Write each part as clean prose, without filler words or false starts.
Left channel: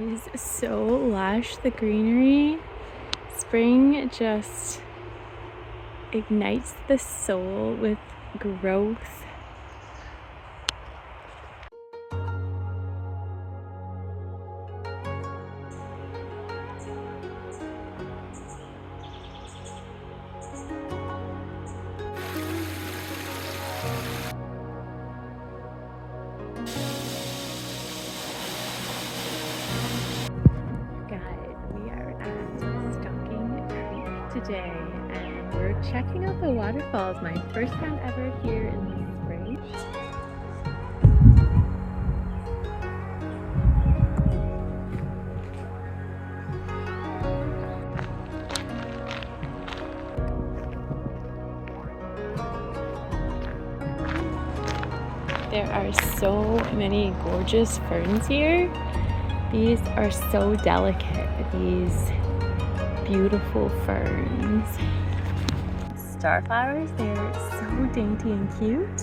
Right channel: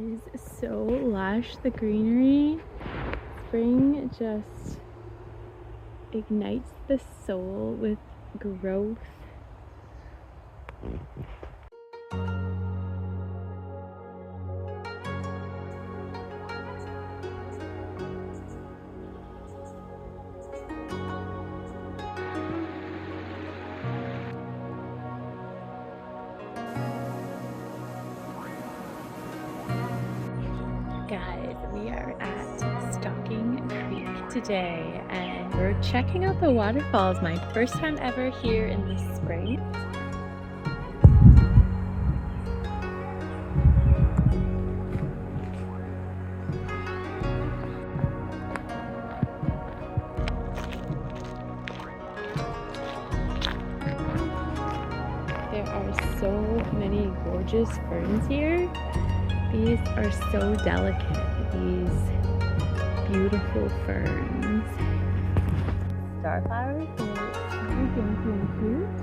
It is so lush, the greenery. Spring just ignites the soul with growth. Guys, we are at Stocking Creek today and we're checking out the waterfalls. My first time ever here in the spring. There are so many gorgeous ferns here. These are so delicate, these beautiful ferns. Starflowers, they're so dainty and cute.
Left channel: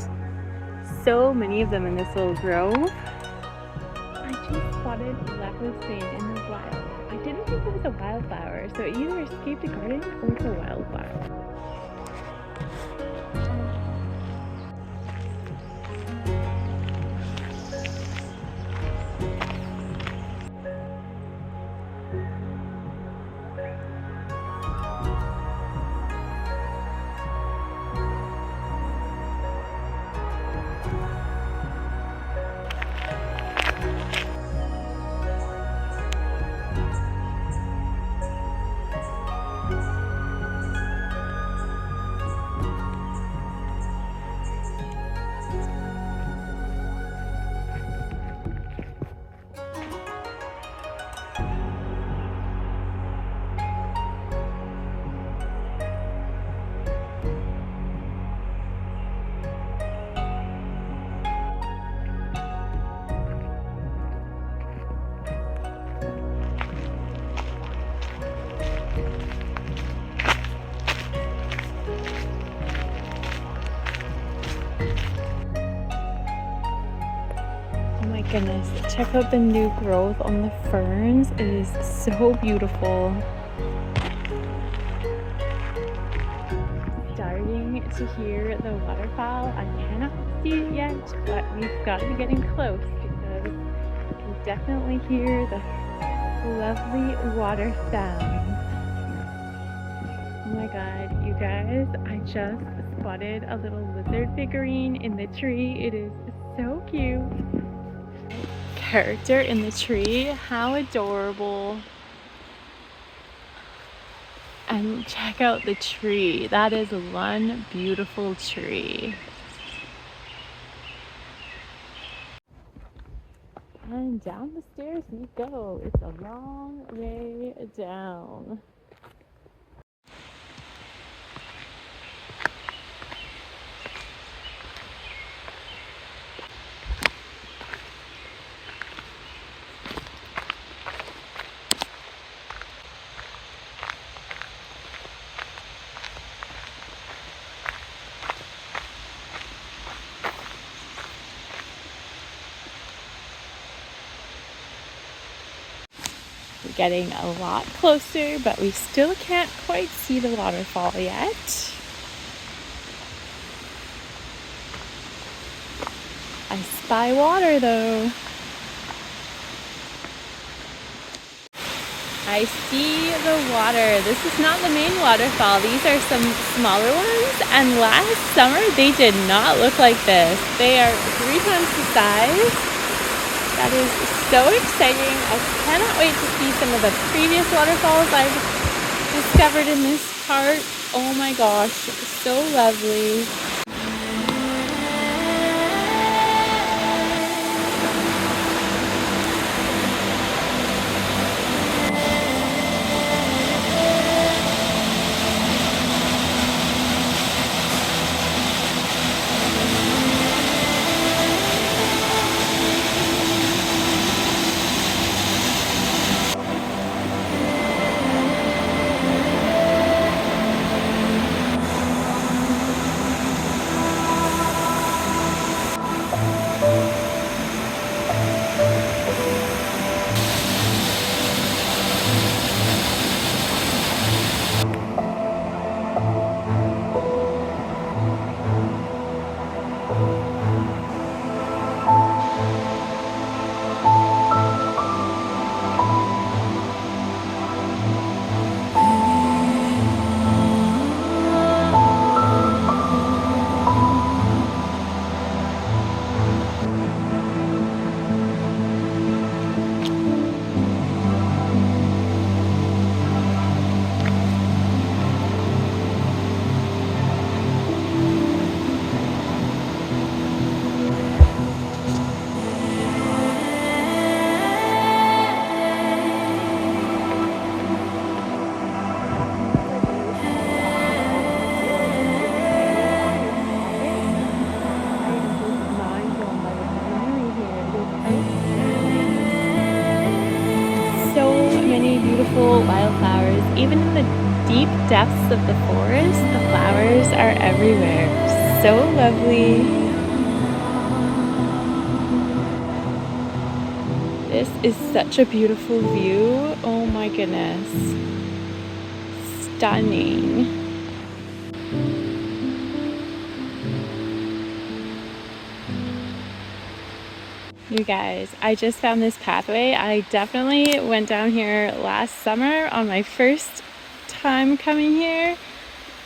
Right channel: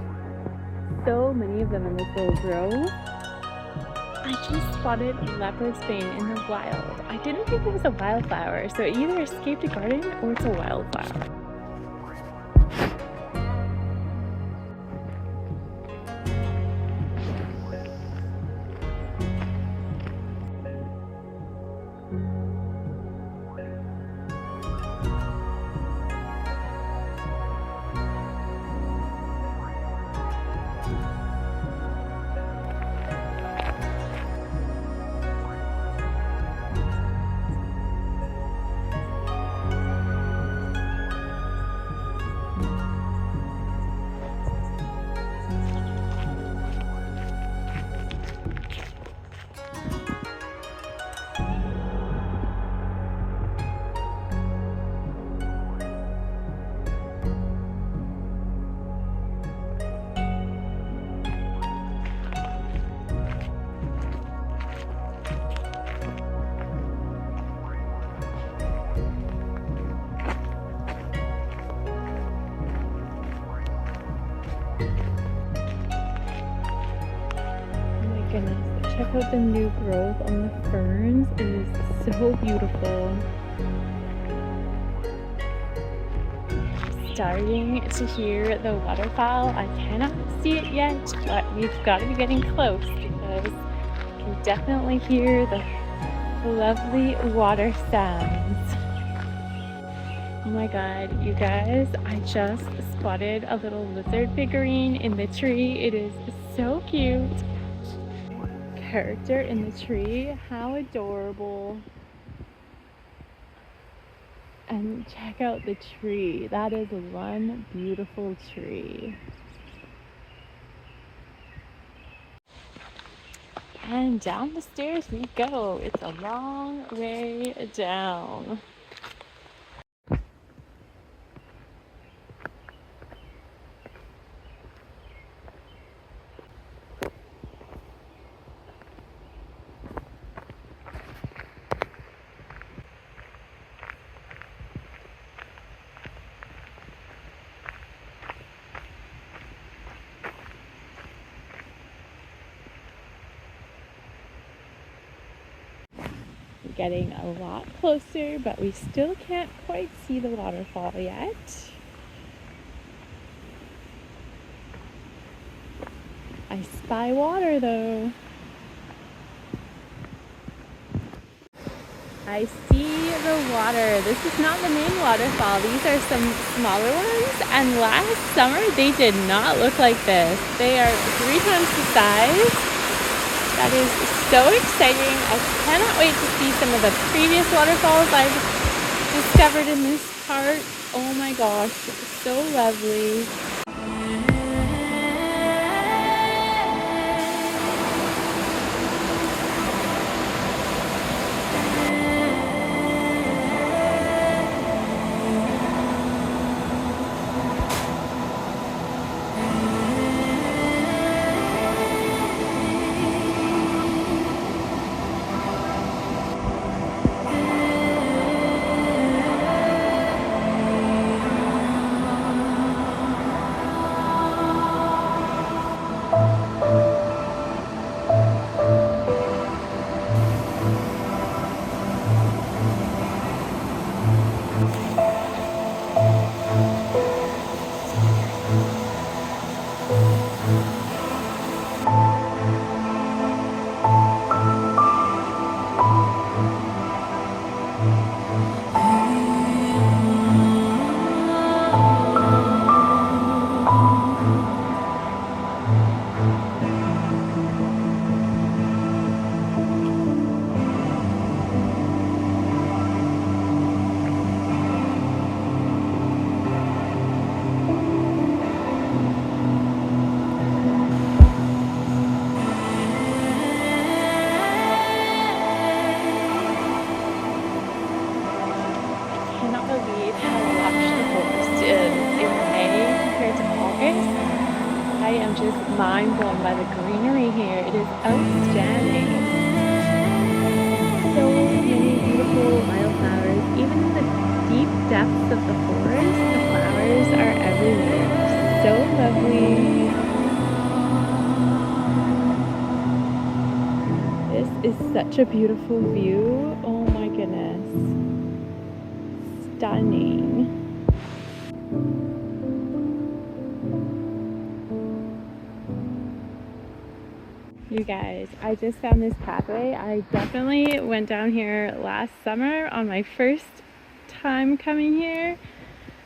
So many of them in this little grove. I just spotted leopard Spain in the wild. I didn't think it was a wildflower, so it either escaped a garden or it's a wildflower. Goodness, check out the new growth on the ferns. It is so beautiful. Starting to hear the waterfall. I cannot see it yet, but we've got to be getting close because you can definitely hear the lovely water sounds. Oh my god, you guys, I just spotted a little lizard figurine in the tree. It is so cute. Character in the tree, how adorable. And check out the tree. That is one beautiful tree. And down the stairs we go. It's a long way down. Getting a lot closer, but we still can't quite see the waterfall yet. I spy water though. I see the water. This is not the main waterfall. These are some smaller ones, and last summer they did not look like this. They are 3 times the size. That is so exciting. I cannot wait to see some of the previous waterfalls I've discovered in this park. Oh my gosh, so lovely. beautiful wildflowers. Even in the deep depths of the forest, the flowers are everywhere. So lovely. This is such a beautiful view. Oh my goodness. Stunning. You guys, I just found this pathway. I definitely went down here last summer on my first time coming here,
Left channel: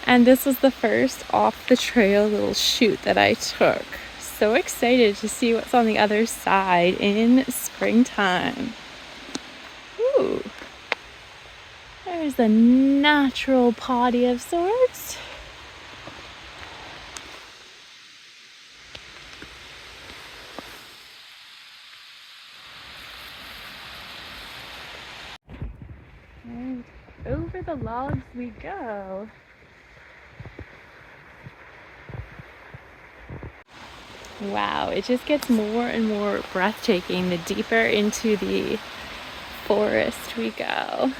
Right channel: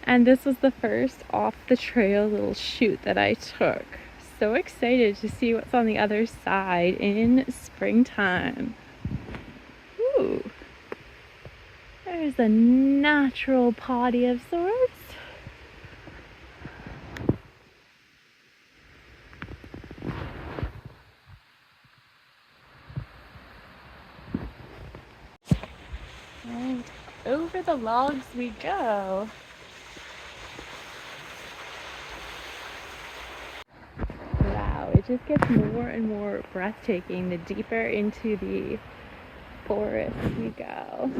and this was the first off the trail little chute that I took. So excited to see what's on the other side in springtime. Ooh, there's a natural potty of sorts. And over the logs we go. Wow, it just gets more and more breathtaking the deeper into the forest we go.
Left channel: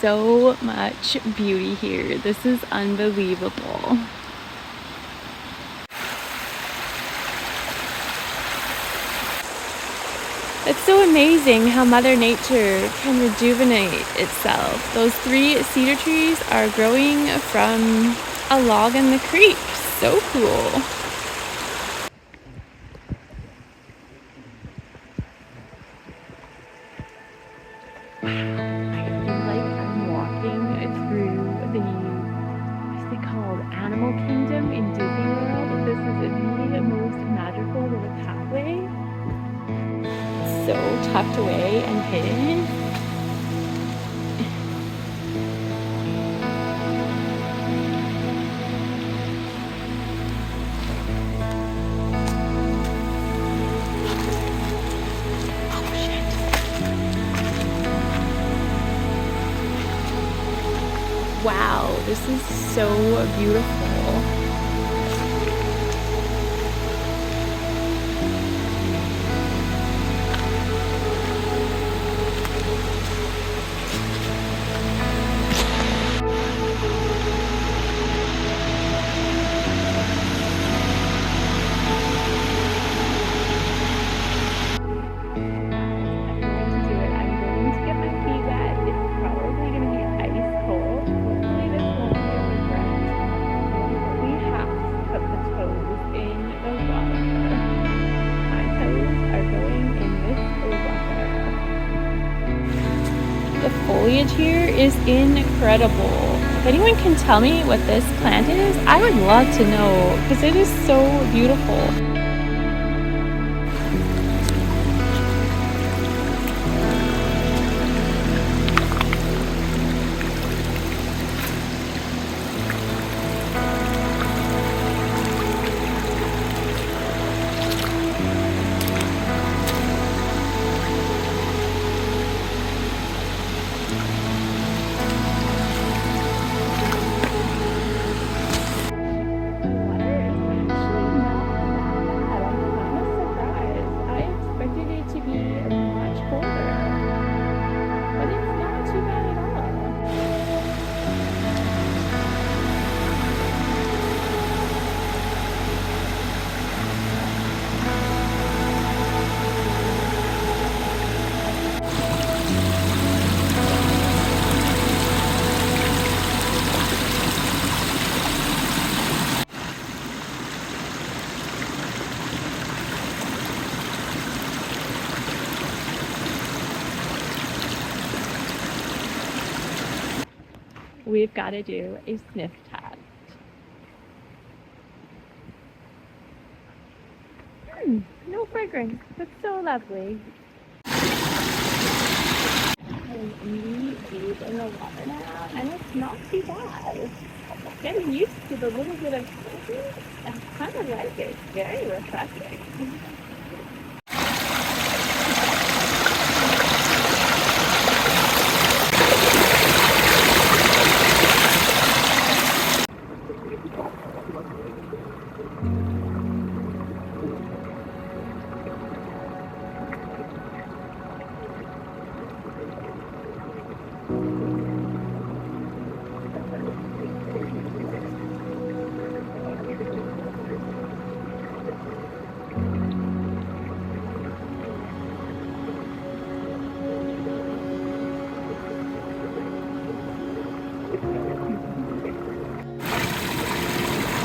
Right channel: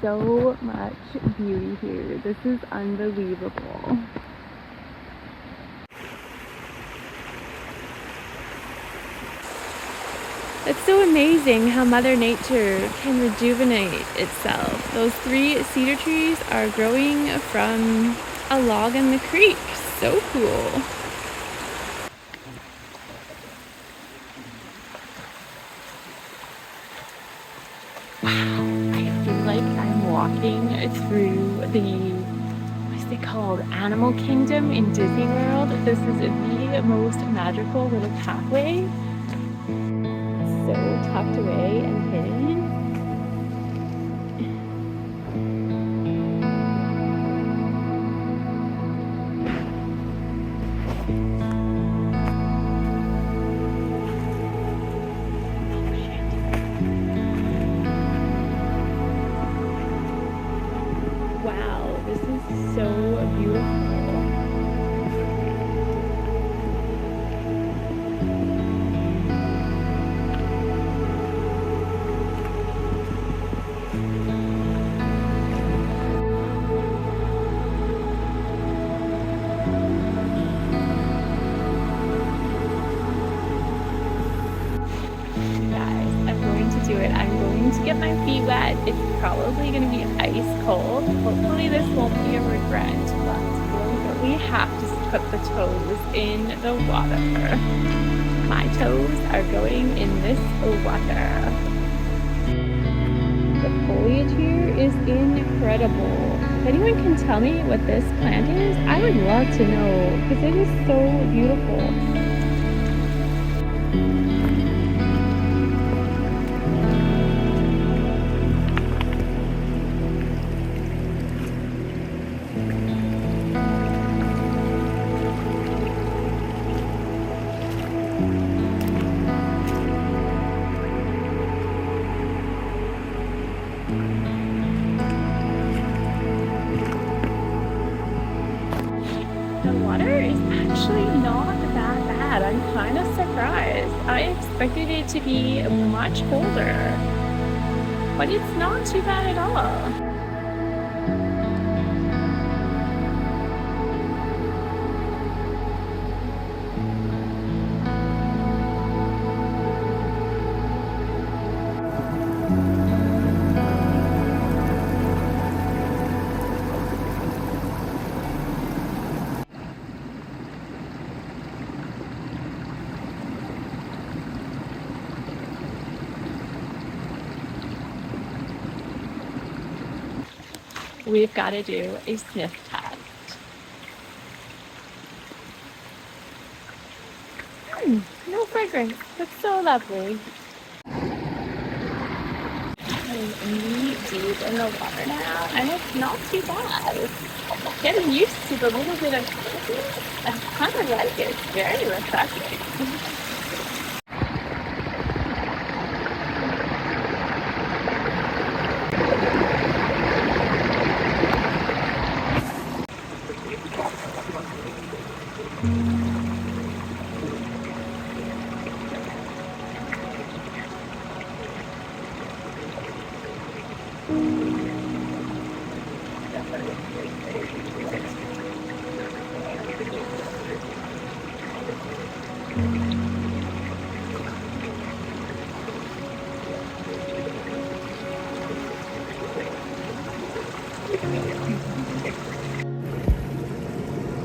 So much beauty here. This is unbelievable. It's so amazing how Mother Nature can rejuvenate itself. Those 3 cedar trees are growing from a log in the creek. So cool. Wow, I feel like I'm walking through the, what's it called, Animal Kingdom in Disney World. This is the most magical little pathway. So tucked away and hidden. Oh shit. Wow, this is so beautiful. Get my feet wet. It's probably going to be ice cold. Hopefully this won't be a regret, but we have to put the toes in the water. My toes are going in this water. The foliage here is incredible. If anyone can tell me what this plant is, I would love to know because it is so beautiful. Expected it to be much colder, but it's not too bad at all. We've got to do a sniff test. No fragrance. That's so lovely. I'm knee deep in the water now, and it's not too bad. Getting used to the little bit of coldness, I kind of like it. It's very refreshing.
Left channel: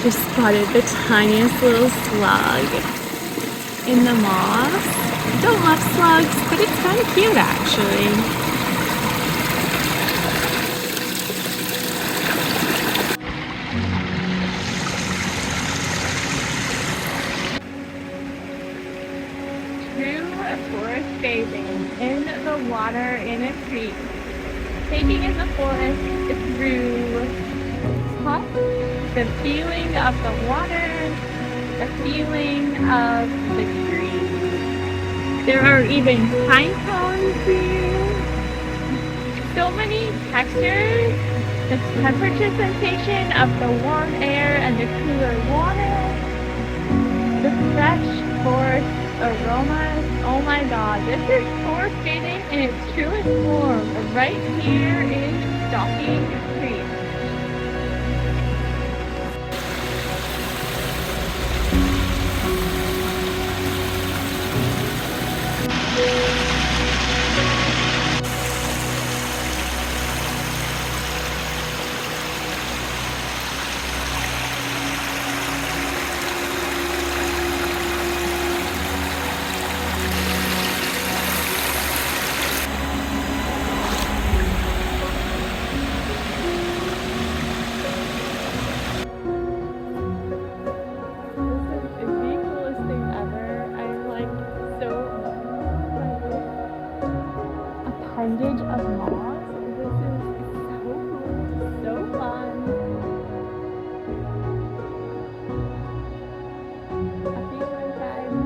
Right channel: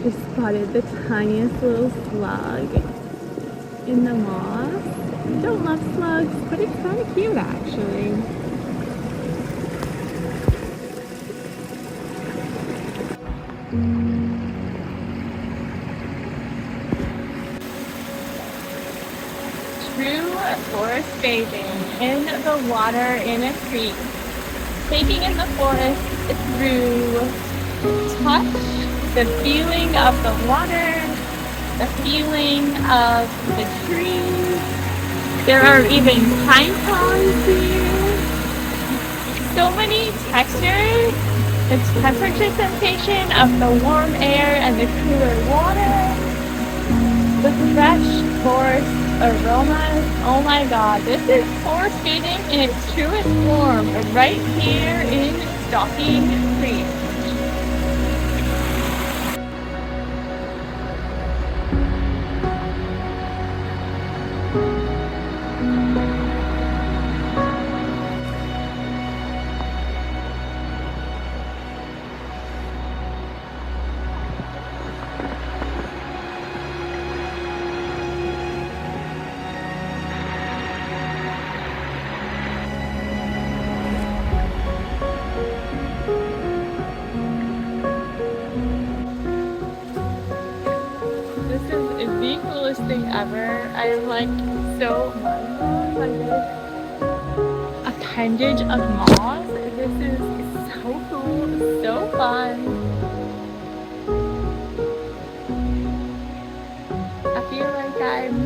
Just spotted the tiniest little slug in the moss. I don't love slugs, but it's kind of cute actually. True forest bathing in the water in a creek. Taking in the forest through touch, the feeling of the water, the feeling of the trees. There are even pine cones here. So many textures. The temperature sensation of the warm air and the cooler water. The fresh forest aromas. Oh my god, this is forest bathing in its truest form right here in Stocking Creek. The coolest thing ever. I'm like so mind blown by this appendage of moss. This is so cool, so fun. I feel like I'm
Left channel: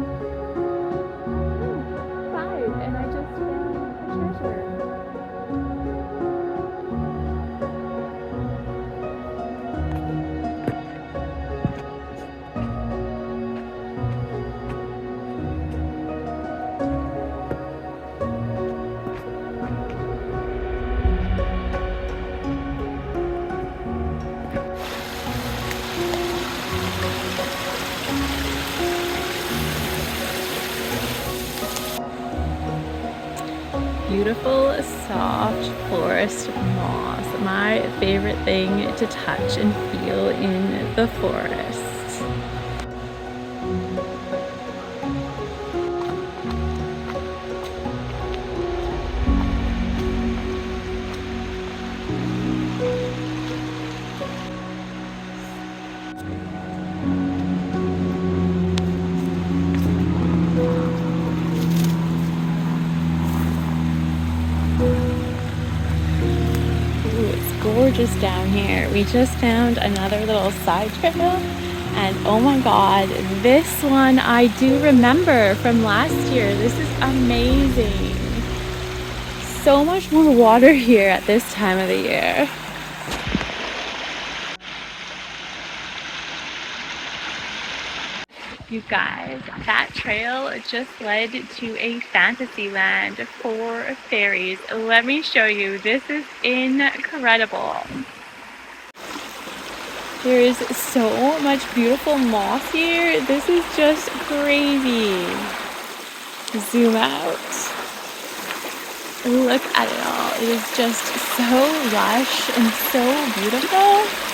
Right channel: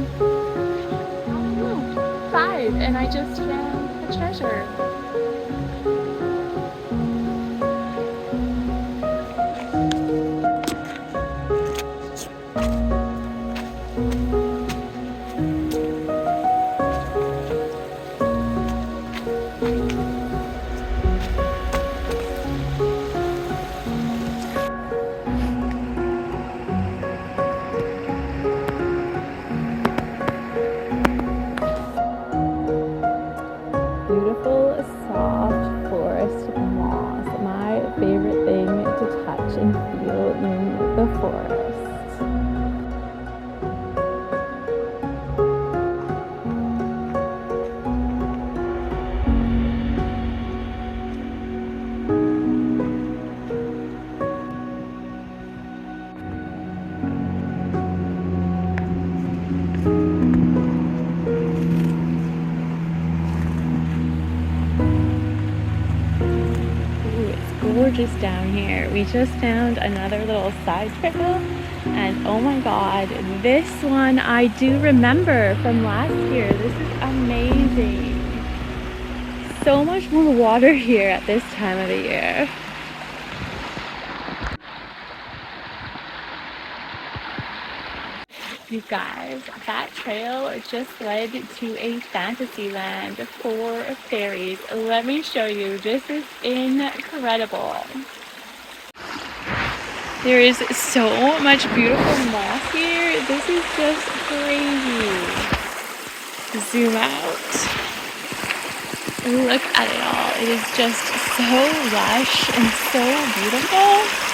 5 and I just found a treasure. Beautiful, soft forest moss. My favorite thing to touch and feel in the forest. Gorgeous down here. We just found another little side trail, and oh my god, this one I do remember from last year. This is amazing. So much more water here at this time of the year. You guys, that trail just led to a fantasy land for fairies. Let me show you. This is incredible. There is so much beautiful moss here. This is just crazy. Zoom out. Look at it all. It is just so lush and so beautiful.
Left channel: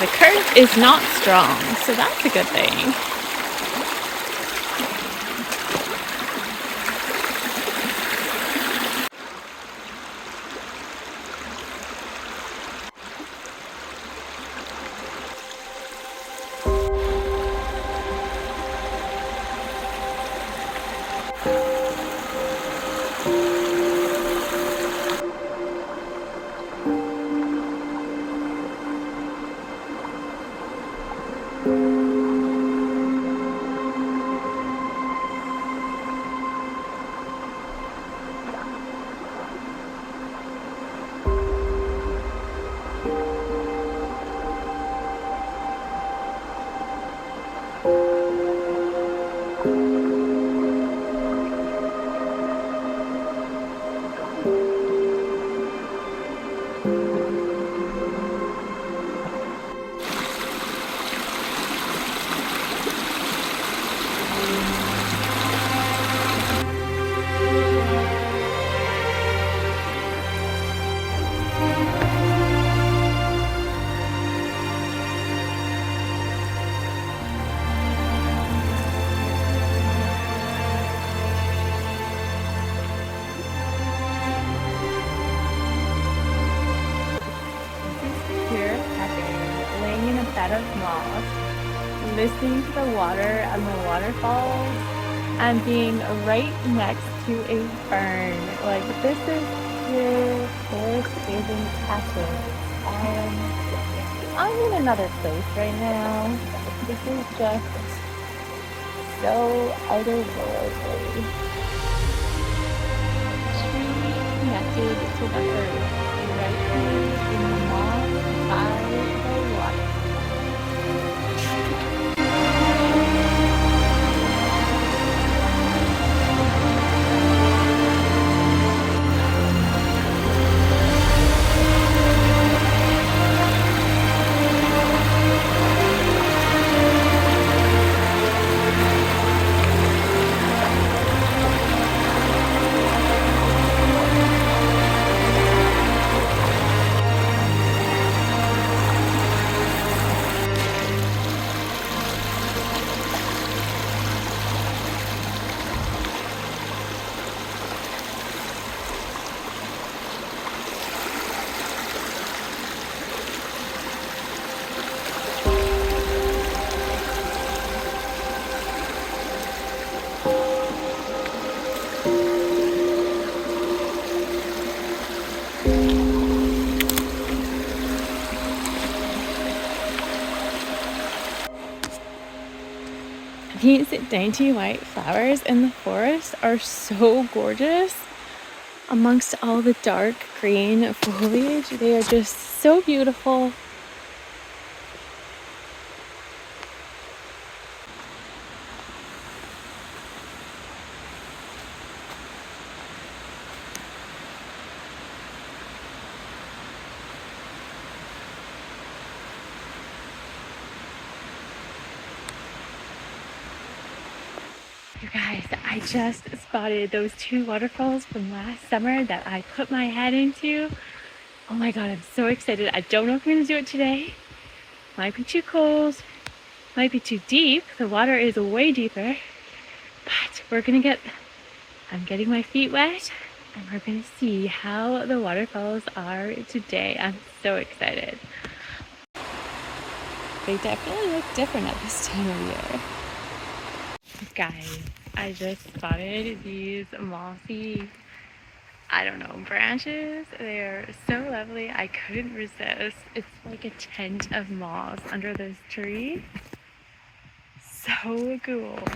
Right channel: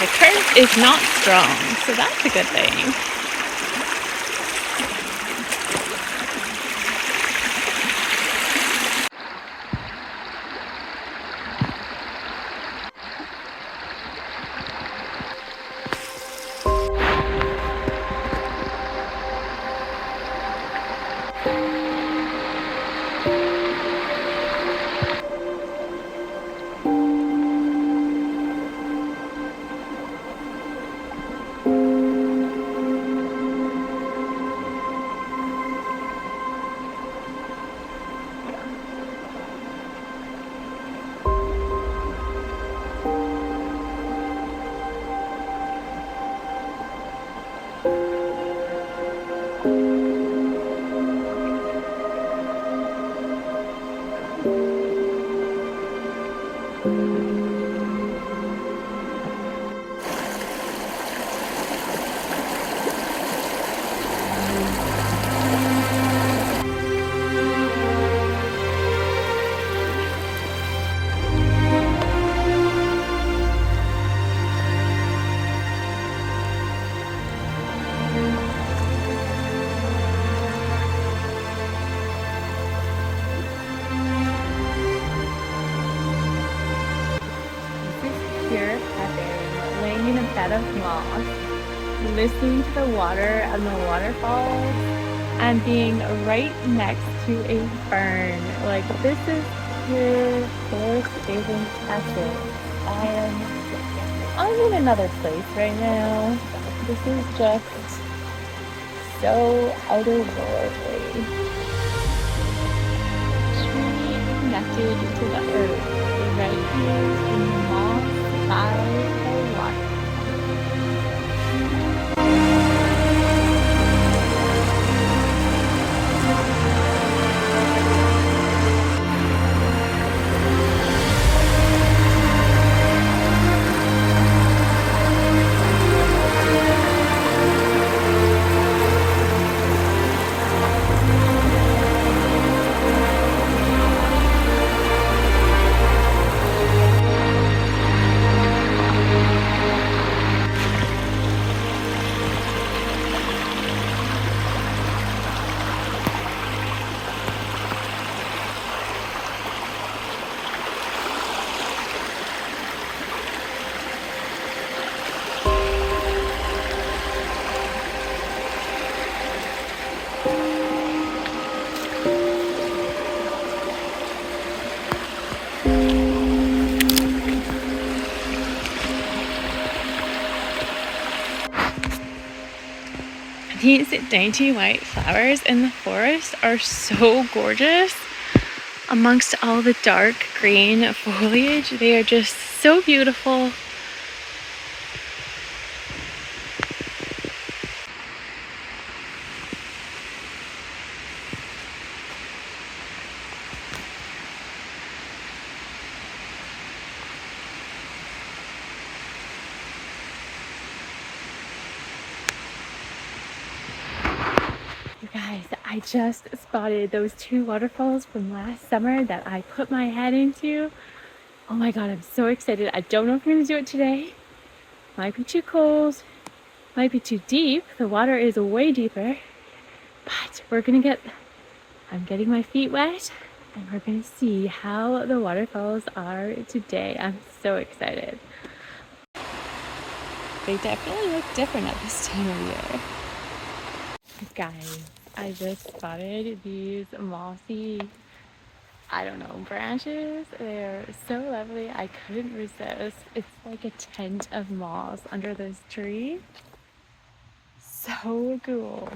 The current is not strong, so that's a good thing. here pepping, laying in a bed of moss, listening to the water and the waterfalls, and being right next to a fern. Like, this is pure forest isn't epic. I'm in another place right now. This is just so otherworldly. Tree connected to the earth, right here in the moss by the water. These dainty white flowers in the forest are so gorgeous. Amongst all the dark green foliage, they are just so beautiful. You guys, I just spotted those two waterfalls from last summer that I put my head into. Oh my god, I'm so excited. I don't know if I'm gonna do it today. Might be too cold, might be too deep. The water is way deeper, but I'm getting my feet wet and we're gonna see how the waterfalls are today. I'm so excited. They definitely look different at this time of year. Guys, I just spotted these mossy, I don't know, branches. They're so lovely. I couldn't resist. It's like a tent of moss under this tree. So cool.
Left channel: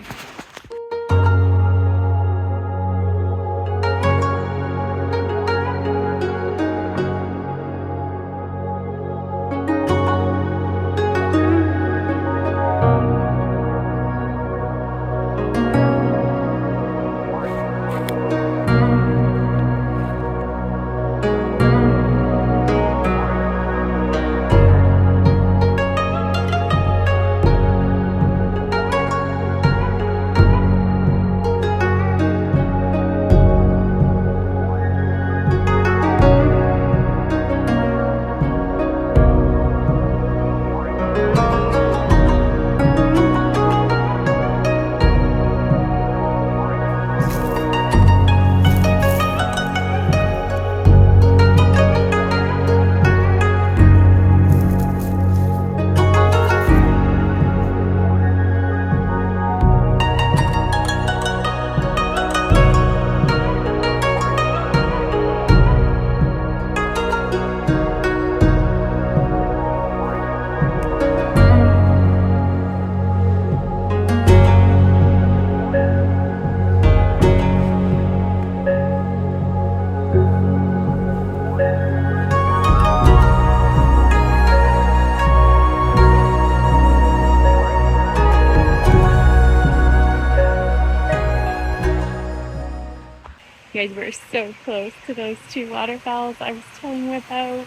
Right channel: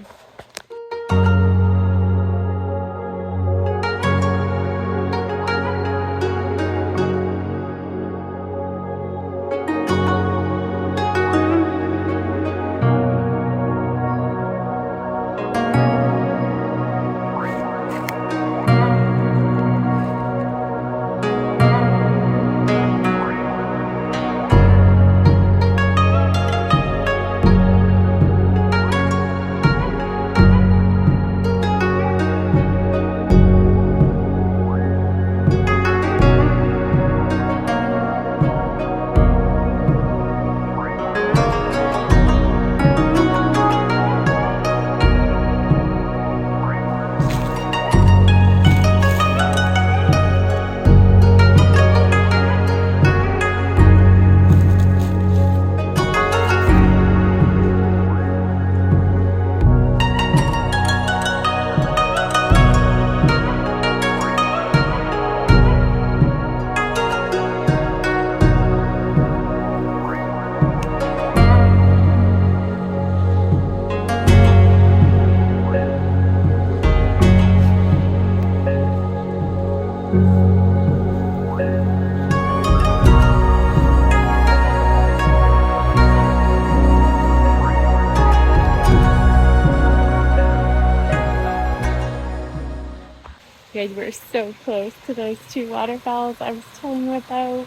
You guys, we're so close to those two waterfalls I was telling you about.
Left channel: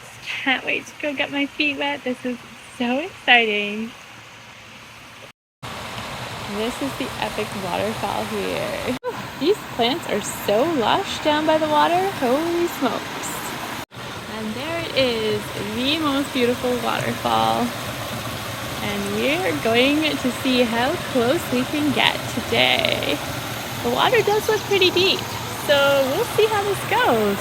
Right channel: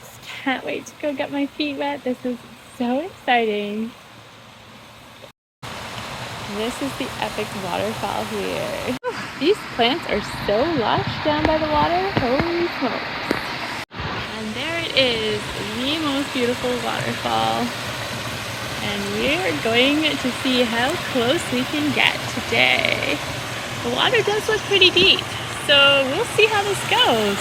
Just can't wait to go get my feet wet. This is so exciting. This is the epic waterfall here. These plants are so lush down by the water. Holy smokes. And there it is, the most beautiful waterfall. And we're going to see how close we can get today. The water does look pretty deep, so we'll see how this goes.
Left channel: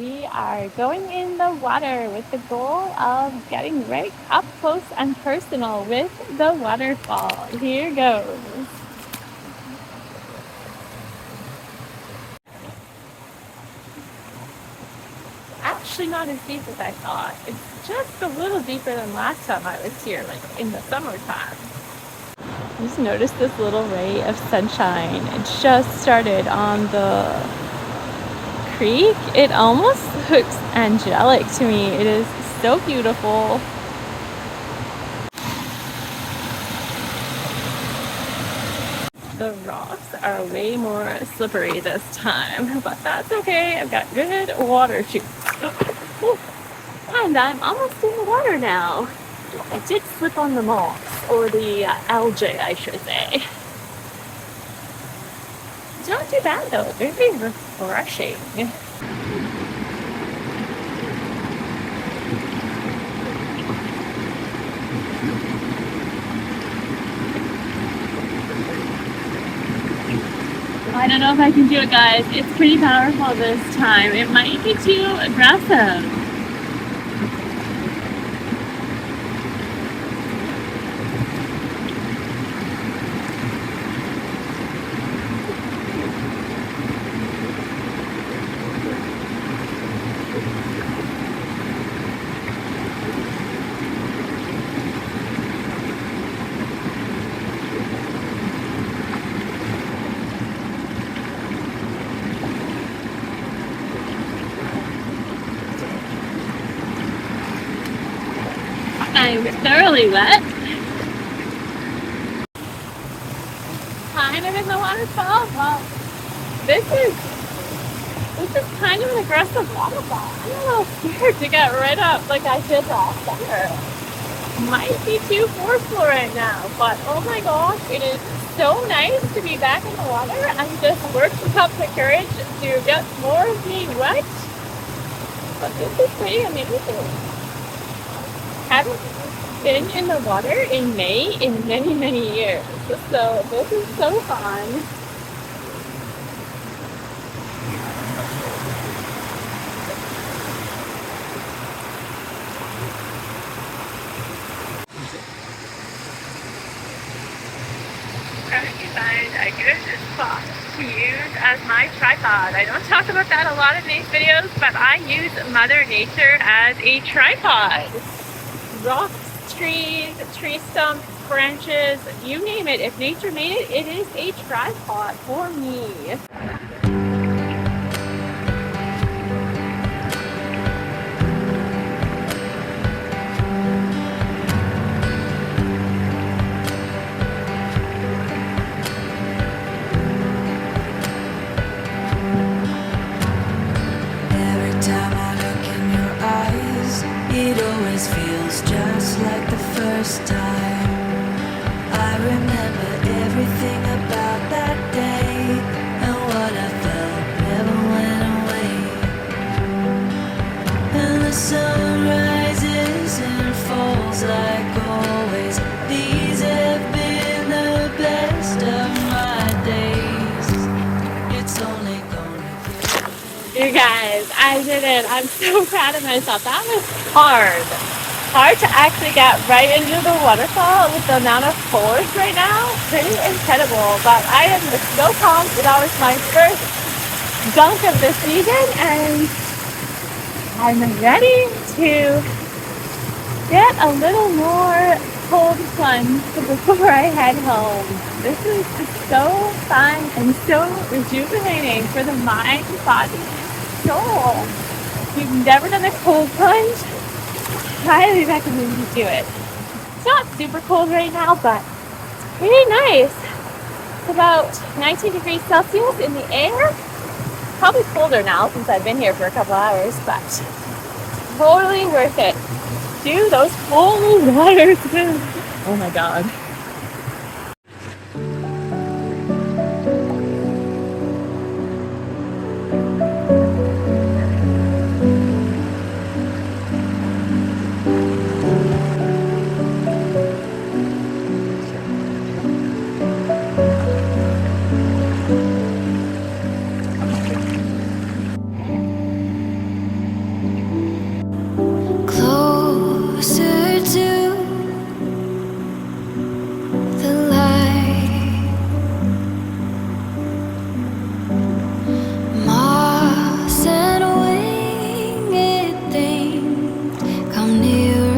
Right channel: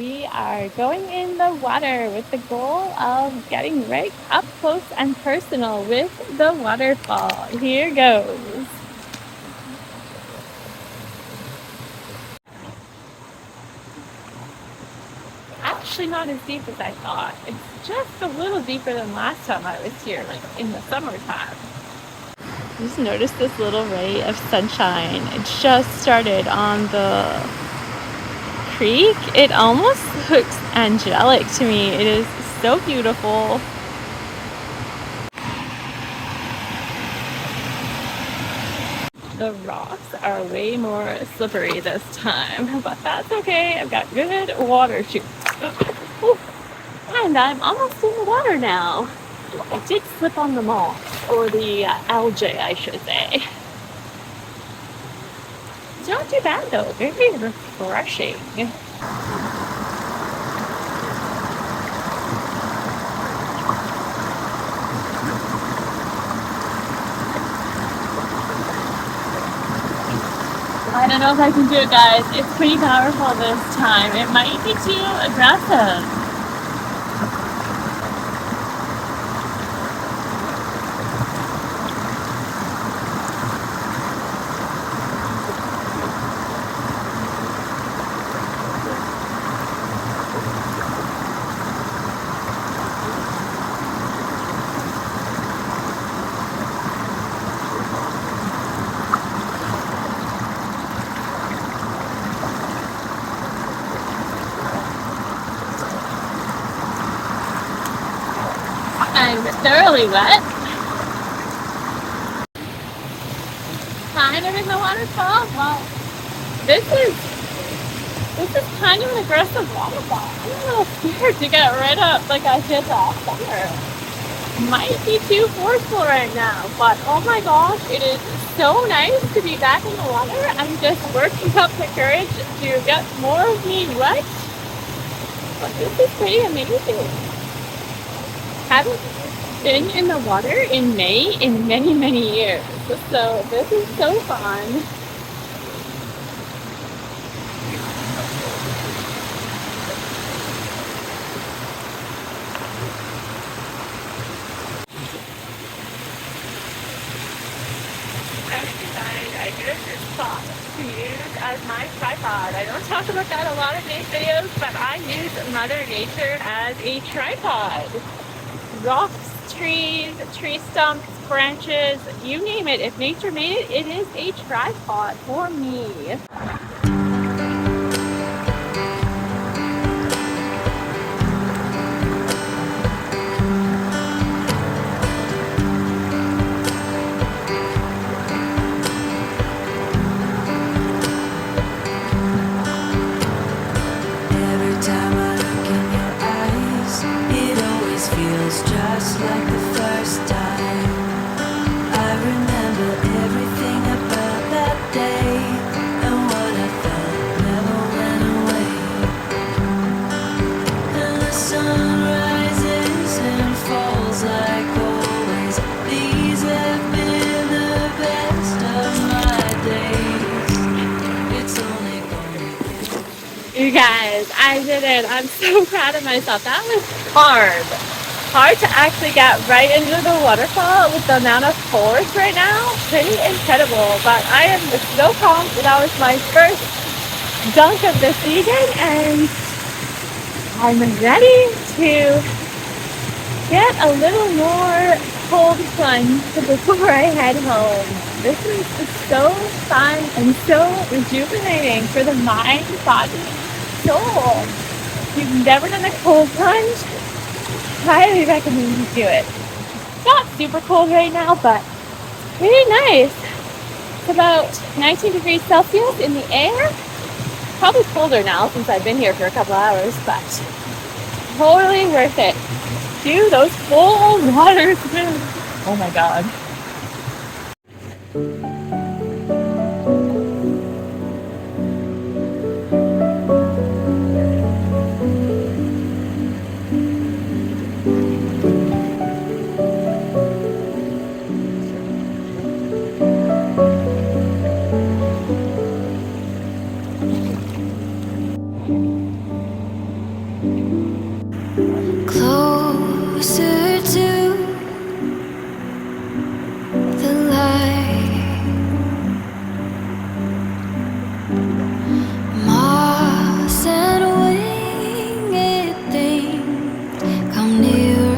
We are going in the water with the goal of getting right up close and personal with the waterfall. Here goes. Actually not as deep as I thought. It's just a little deeper than last time I was here, like in the summertime. Just notice this little ray of sunshine. It just started on the creek. It almost looks angelic to me. It is so beautiful. The rocks are way more slippery this time, but that's okay. I've got good water shoes. And I'm almost in the water now. I did slip on the moss, or the algae, I should say. It's not too bad though, very refreshing. I don't know if I can do it, guys. It's pretty powerful this time. It might be too aggressive. I'm thoroughly wet. Kind of in the waterfall. Well, this is kind of an aggressive waterfall. I'm a little scared to get right up like I did last summer. Might be too forceful right now, but oh my gosh, it is so nice to be back in the water. I'm just working up the courage to get more of me wet. But this is pretty amazing. Haven't been in the water in May in many, many years. So this is so fun. Trying to find a good spot to use as my tripod. I don't talk about that a lot in these videos, but I use Mother Nature as a tripod. Rocks, trees, tree stumps, branches, you name it. If nature made it, it is a tripod for me. Time I look in your eyes, it always feels just like the first time. I remember everything about that day, and what I felt never went away. And the sun rises and falls like always. These have been the best of my days. It's only You guys, I did it. I'm so proud of myself. That was hard. Hard to actually get right into the waterfall with the amount of force right now. Pretty incredible. But I am so pumped. That was my first dunk of the season, and I'm ready to get a little more cold plunge before I head home. This is so fun and so rejuvenating for the mind, body, soul. If you've never done a cold plunge, highly recommend you do it. It's not super cold right now, but very nice. It's about 19 degrees Celsius in the air. Probably colder now since I've been here for a couple hours, but totally worth it. Do those cold waters. Oh my god. into the light. Moss and winged things come nearer.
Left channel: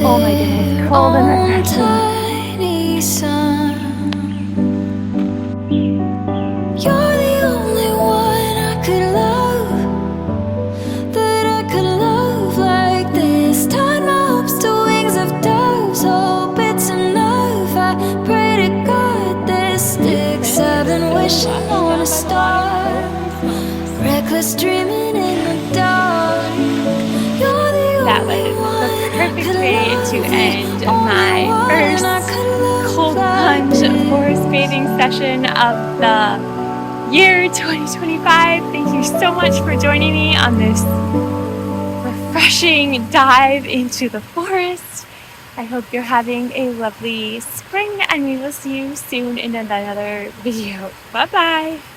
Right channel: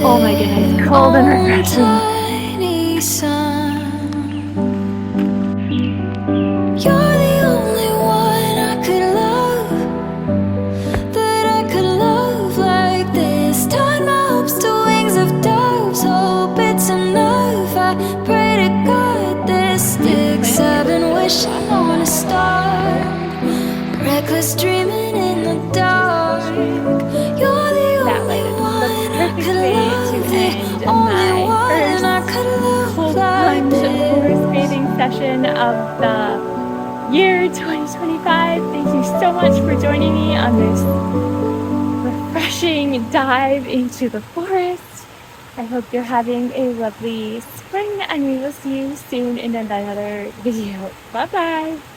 Oh my goodness, cold and refreshing. Tiny sun. You're the only one I could love, that I could love like this. Tied my hopes to wings of doves, hope it's enough. I pray to God this sticks. I've been wishing on a star, reckless dreaming in the dark. You're the only one I could love, To the end only my one I first could love cold like plunge this. forest bathing session of the year 2025. Thank you so much for joining me on this refreshing dive into the forest. I hope you're having a lovely spring, and we will see you soon in another video. Bye bye.